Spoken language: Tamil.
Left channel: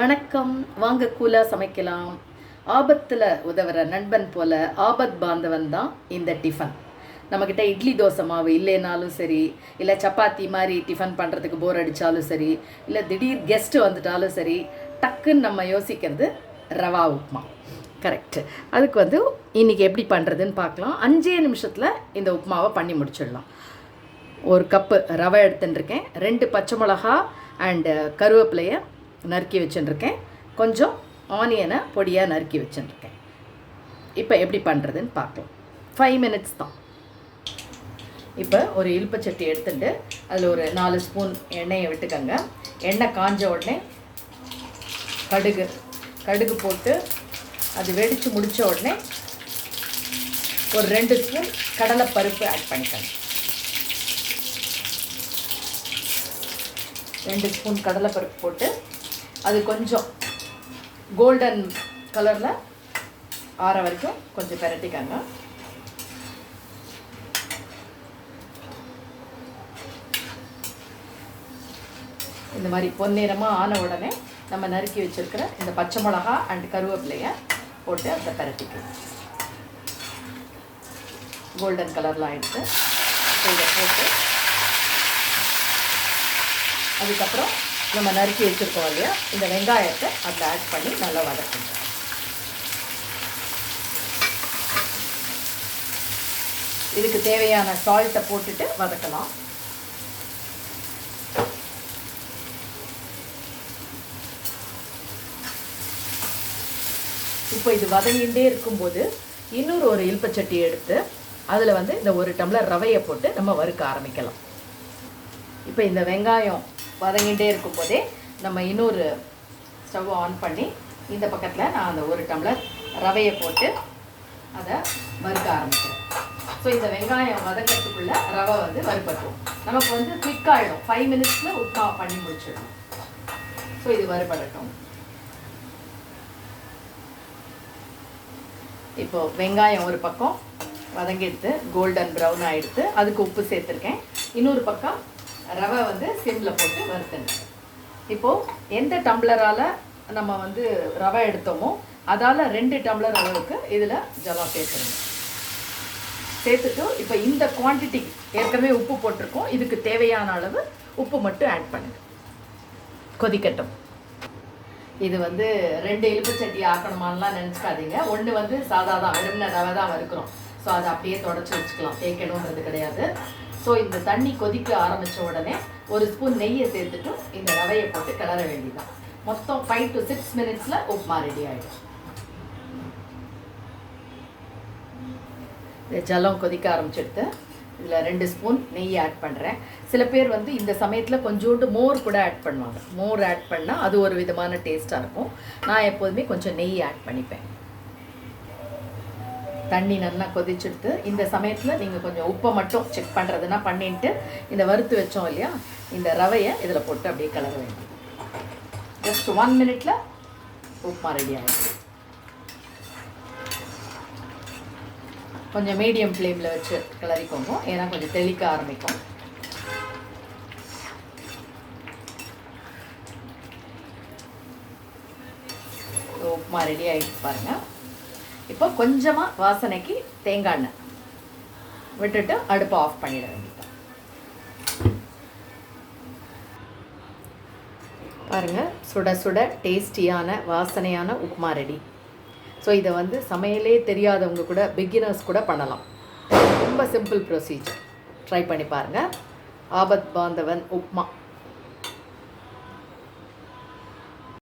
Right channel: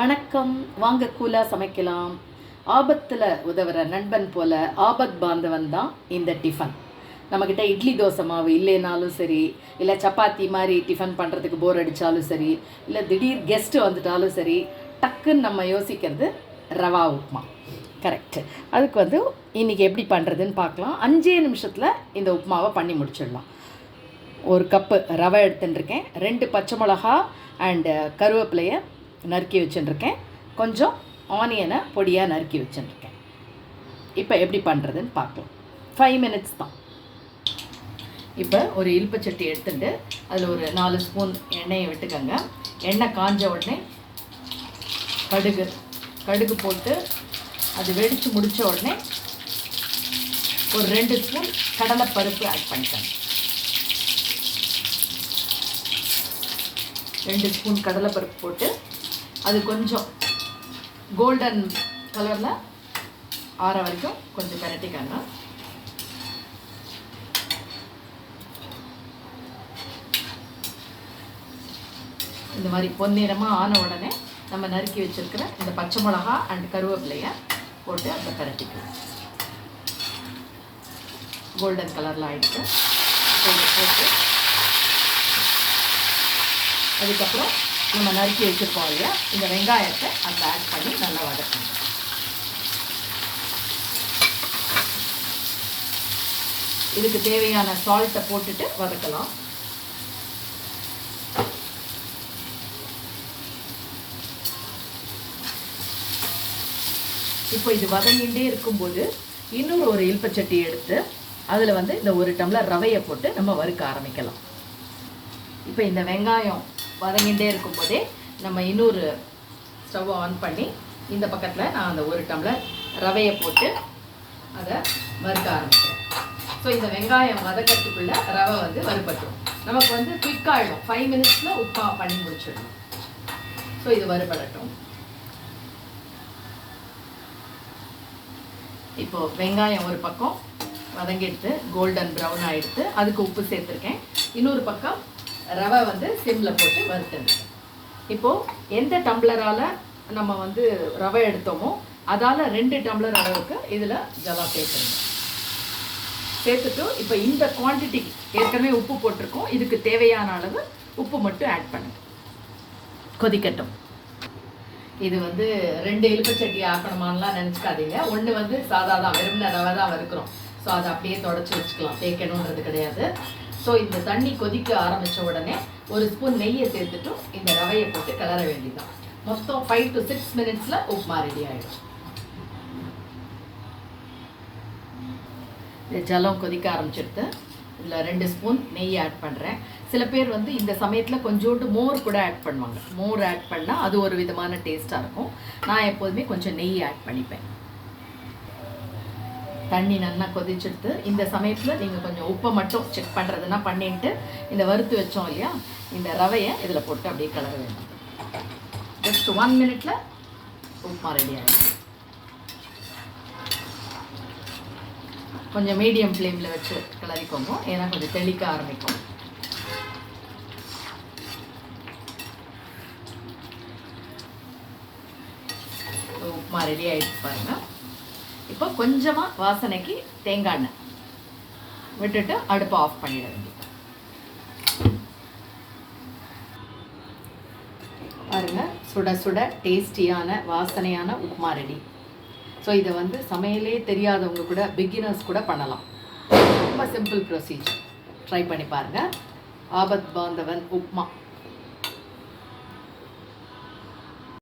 வணக்கம். வாங்க கூலாக சமைக்கலாம். ஆபத்தில் உதவுற நண்பன் போல் ஆபத் பாந்தவன் தான் இந்த டிஃபன். நம்மக்கிட்ட இட்லி தோசை மாவு இல்லைனாலும் சரி, இல்லை சப்பாத்தி மாதிரி டிஃபன் பண்ணுறதுக்கு போர் அடித்தாலும் சரி, இல்லை திடீர் கெஸ்ட்டு வந்துட்டாலும் சரி, டக்குன்னு நம்ம யோசிக்கிறது ரவா உப்புமா. கரெக்டு. அதுக்கு இன்றைக்கி எப்படி பண்ணுறதுன்னு பார்க்கலாம். 5 நிமிஷத்தில் இந்த உப்புமாவை பண்ணி முடிச்சிடலாம். 1 கப்பு ரவை எடுத்துட்டுருக்கேன். 2 பச்சை மிளகா அண்டு கருவேப்பிலையை நறுக்கி வச்சுட்டுருக்கேன். கொஞ்சம் ஆனியனை பொடியாக நறுக்கி வச்சுட்டுருக்கேன். இப்போ எப்படி பண்ணுறதுன்னு பார்க்கலாம். 5 மினிட்ஸ் தான். இப்போ ஒரு இலுப்பச்சட்டி எடுத்துட்டு அதில் ஒரு 4 ஸ்பூன் எண்ணெயை விட்டுக்கோங்க. எண்ணெய் காஞ்ச உடனே கடுகு போட்டு அது வெடித்து முடித்த உடனே ஒரு 2 ஸ்பூன் கடலைப்பருப்பு ஆட் பண்ணிக்கோங்க. 2 ஸ்பூன் கடலைப்பருப்பு போட்டு அது கொஞ்சம் கோல்டன் கலரில் ஆற வரைக்கும் கொஞ்சம் பரட்டிக்கோங்க. இந்த மாதிரி பொன்னிறமாக ஆன உடனே நம்ம நறுக்கி வச்சுருக்கிற இந்த பச்சை மிளகா அண்ட் கருவேப்பிலையை போட்டு அதை பரட்டிக்கலாம். கோல்டன் கலரில் ஆகிடுச்சு. இதை போட்டு அதுக்கப்புறம் நம்ம நறுக்கி வச்சுருக்கோம் இல்லையா, இந்த வெங்காயத்தை அதை ஆட் பண்ணி நல்லா வதக்கணும். இதுக்கு தேவையான சால்ட்டை போட்டுட்டு வதக்கலாம். இப்போ இது வதங்கிட்டே இருக்கும்போது இன்னொரு ஒரு இலுப்பச்சட்டி எடுத்து அதில் இந்த 1 டம்ளர் ரவையை போட்டு நம்ம வறுக்க ஆரம்பிக்கலாம். இப்போ இந்த வெங்காயம் வதங்கிட்டே இருக்கும்போதே நம்ம இன்னொரு ஸ்டவ்வை ஆன் பண்ணி இந்த பக்கத்தில் நான் அந்த 1 டம்ளர் ரவையை போட்டு அதை வறுக்க ஆரம்பிக்கிறேன். ஸோ இந்த வெங்காயம் வதக்கிறதுக்குள்ளே ரவை வறுபட்டும். நமக்கு குயிக்காகிடும். 5 மினிட்ஸில் உப்புமா பண்ணி முடிச்சிடணும். ஸோ இது வறுபடட்டும். இப்போது வெங்காயம் ஒரு பக்கம் வதங்கிடுத்து கோல்டன் ப்ரௌன் ஆகிடுத்து. அதுக்கு உப்பு சேர்த்துருக்கேன். இன்னொரு பக்கம் ரவை சிம்மில் போட்டு வறுத்துங்க. இப்போது எந்த டம்ளரால் நம்ம ரவை எடுத்தோமோ அதால் 2 டம்ளர் அளவுக்கு இதில் ஜலம் சேர்த்துருங்க. சேர்த்துட்டு இப்போ இந்த குவான்டிட்டி ஏற்கனவே உப்பு போட்டிருக்கோம். இதுக்கு தேவையான அளவு உப்பு மட்டும் ஆட் பண்ணுங்க. கொதிக்கட்டும். இது 2 இலுப்பச்சட்டி ஆக்கணுமான்லாம் நினச்சிக்காதீங்க. ஒன்று சாதா தான், வெறும்ன ரவை தான் வறுக்கிறோம். ஸோ அதை அப்படியே தொடச்சி வச்சுக்கலாம், தேய்க்கணுன்றது கிடையாது. ஸோ இந்த தண்ணி கொதிக்க ஆரம்பித்த உடனே 1 ஸ்பூன் நெய்யை சேர்த்துட்டும் இந்த ரவையை போட்டு கிளற வேண்டியதான். மொத்தம் 5 to 6 மினிட்ஸில் உப்புமா ரெடி ஆகிடும். ஜலம் கொதிக்க ஆரம்பிச்சிடுத்து. இதில் 2 ஸ்பூன் நெய் ஆட் பண்ணுறேன். சில பேர் இந்த சமயத்தில் கொஞ்சோண்டு மோர் கூட ஆட் பண்ணுவாங்க. மோர் ஆட் பண்ணால் அது ஒரு விதமான டேஸ்ட்டாக இருக்கும். நான் எப்போதுமே கொஞ்சம் நெய் ஆட் பண்ணிப்பேன். தண்ணி நல்லா கொதிச்சுடுத்து. இந்த சமயத்தில் நீங்கள் கொஞ்சம் உப்பை மட்டும் செக் பண்ணுறதுனா பண்ணிட்டு இந்த வறுத்து வச்சோம் இல்லையா, இந்த ரவையை இதில் போட்டு அப்படியே கலர வேண்டும். ஜஸ்ட் 1 மினிட்ல உப்புமா ரெடி ஆகிடும். கொஞ்சம் மீடியம் ஃப்ளேமில் வச்சு கிளறிக்கோங்க, ஏன்னா கொஞ்சம் தெளிக்க ஆரம்பிக்கும். உப்புமா ரெடி ஆகிடுச்சு பாருங்கள். இப்போ கொஞ்சமாக வாசனைக்கு தேங்காய் எண்ணெய் விட்டுட்டு அடுப்பை ஆஃப் பண்ணிட வேண்டியது. பாருங்கள், சுட சுட டேஸ்டியான வாசனையான உப்புமா ரெடி. ஸோ இதை சமையலே தெரியாதவங்க கூட, பிகினர்ஸ் கூட பண்ணலாம். ரொம்ப சிம்பிள் ப்ரொசீஜர். ட்ரை பண்ணி பாருங்கள். ஆபத் பாந்தவன் உப்புமா.